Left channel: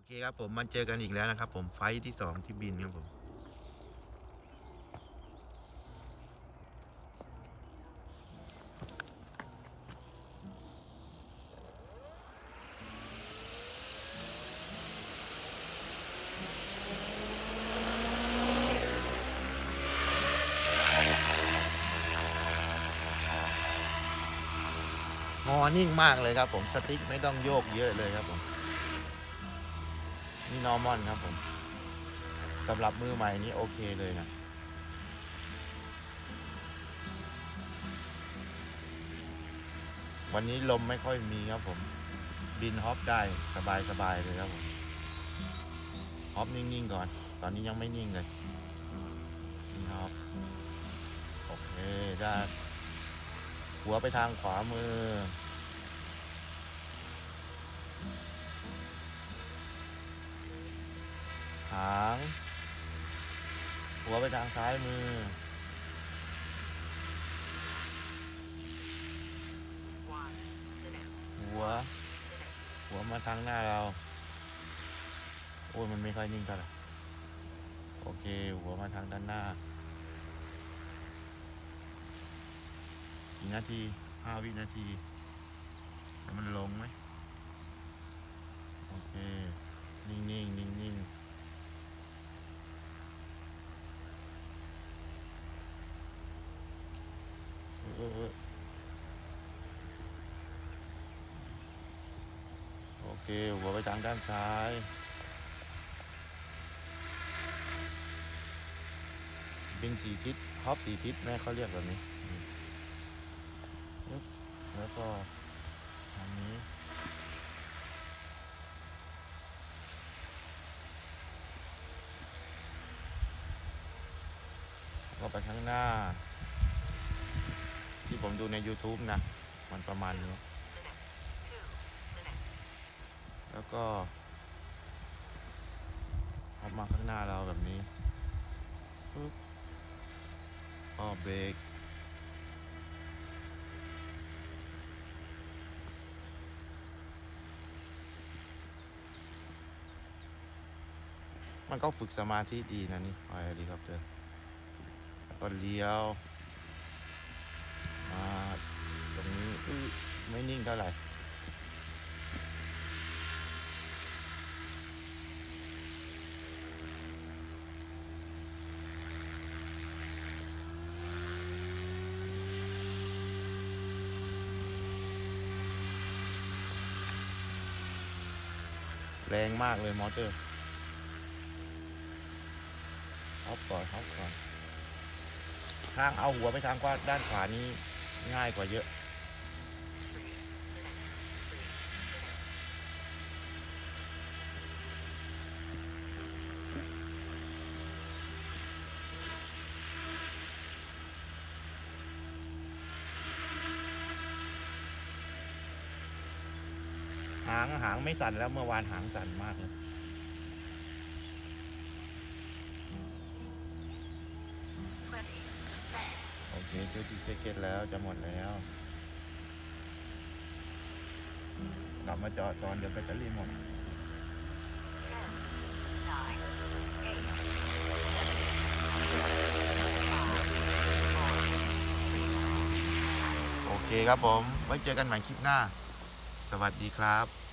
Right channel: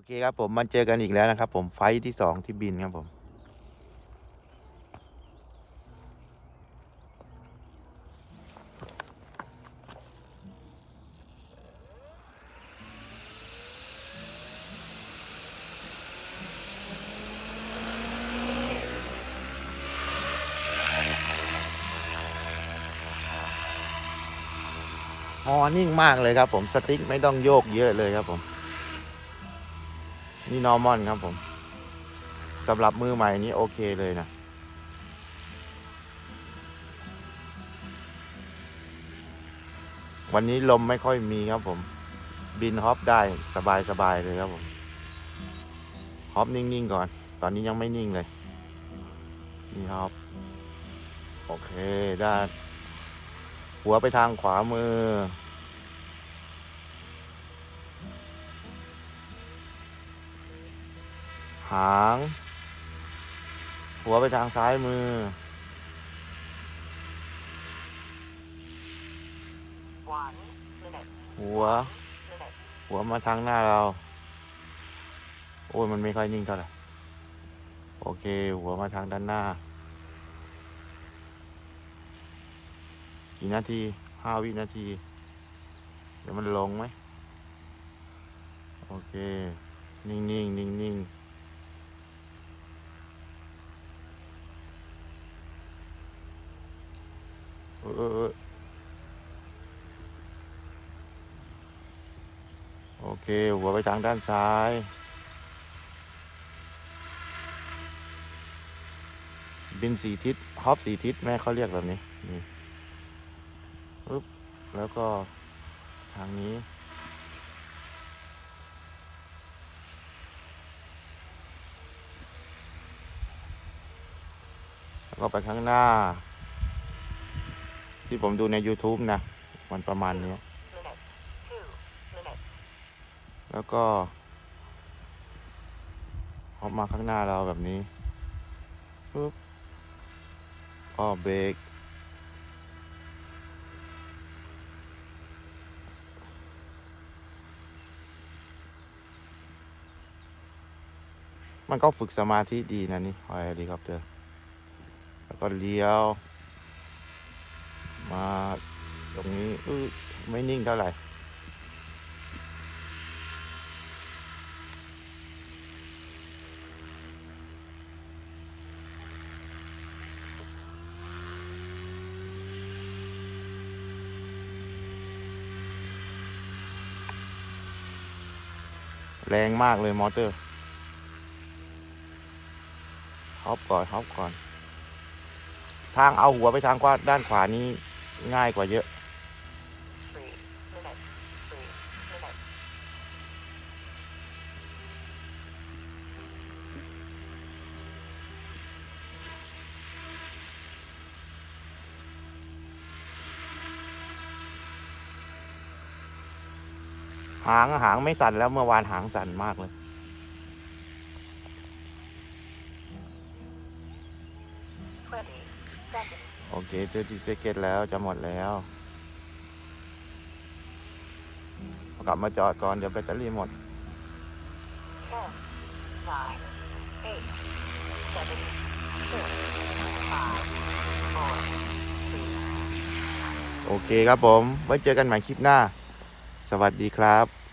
อเคครับผมมาเจอกันอีกแล้วนะครับ ผมไฟท์ที่สองที่บินครับผมฮอนิ่งมากเลยครับผมสติ๊กไม่ต้องโยกเยอะเลยครับผม นี่นอร์มอนครับผมสำหรับมือใหม่นี้โอเคเลยนะวันนี้ลมไม่ค่อยมีครับผม บินฮอปได้สบายสบายๆเลยครับผมฮอปนิ่งๆก่อน ตอนนี้ยังไม่นิ่งเลยนี่ฮอปโอเคได้ หัวไปทางขวามือ หาง หัวไปทางซ้ายมือ หัว หัวมาทางหน้าเรา โอ้ยมันไม่ค่อยนิ่งเท่าไหร่ โอเค หัวมาทางด้านหน้า กี่นาทีห้าวินาทีเดี๋ยวมันลงไหม โอเค นิ่งนิ่งนิ่งนิ่งเออเออเออ โอเค หัวไปทางด้านซ้าย บินสี่ทิศฮอปสี่ทิศ แม่เขาเรียกแบบนี้ นี่ปึ๊บแล้วก็ ทางนี้แล้วก็ไปข้างหน้า ที่ผมดูใน YouTube นะ มันประมาณนี้ แล้วก็ ออกมาข้างหน้าเราแบบนี้ปุ๊บก็เบรกมันก็ฝึกสมาธิดีนะนี่ไอ้ดีครับเธอแล้วก็เลี้ยว มาตรงนี้อื้อ ไม่นิ่งเท่าไหร่แรงมากเลยมอเตอร์ฮอปก่อนฮอปก่อน ทางเอาหัวไปทางขวาด้านขวานี้ง่ายกว่าเยอะ หางหางไม่สั่นแล้วเมื่อวานหางสั่นมากเลย โอเคเจอที่เจเก็ตแล้วจะหมดแล้ว กลับมาจอดก่อนเดี๋ยวแบตเตอรี่หมดโอเคครับผม ไว้เจอกันใหม่คลิปหน้า สวัสดีครับ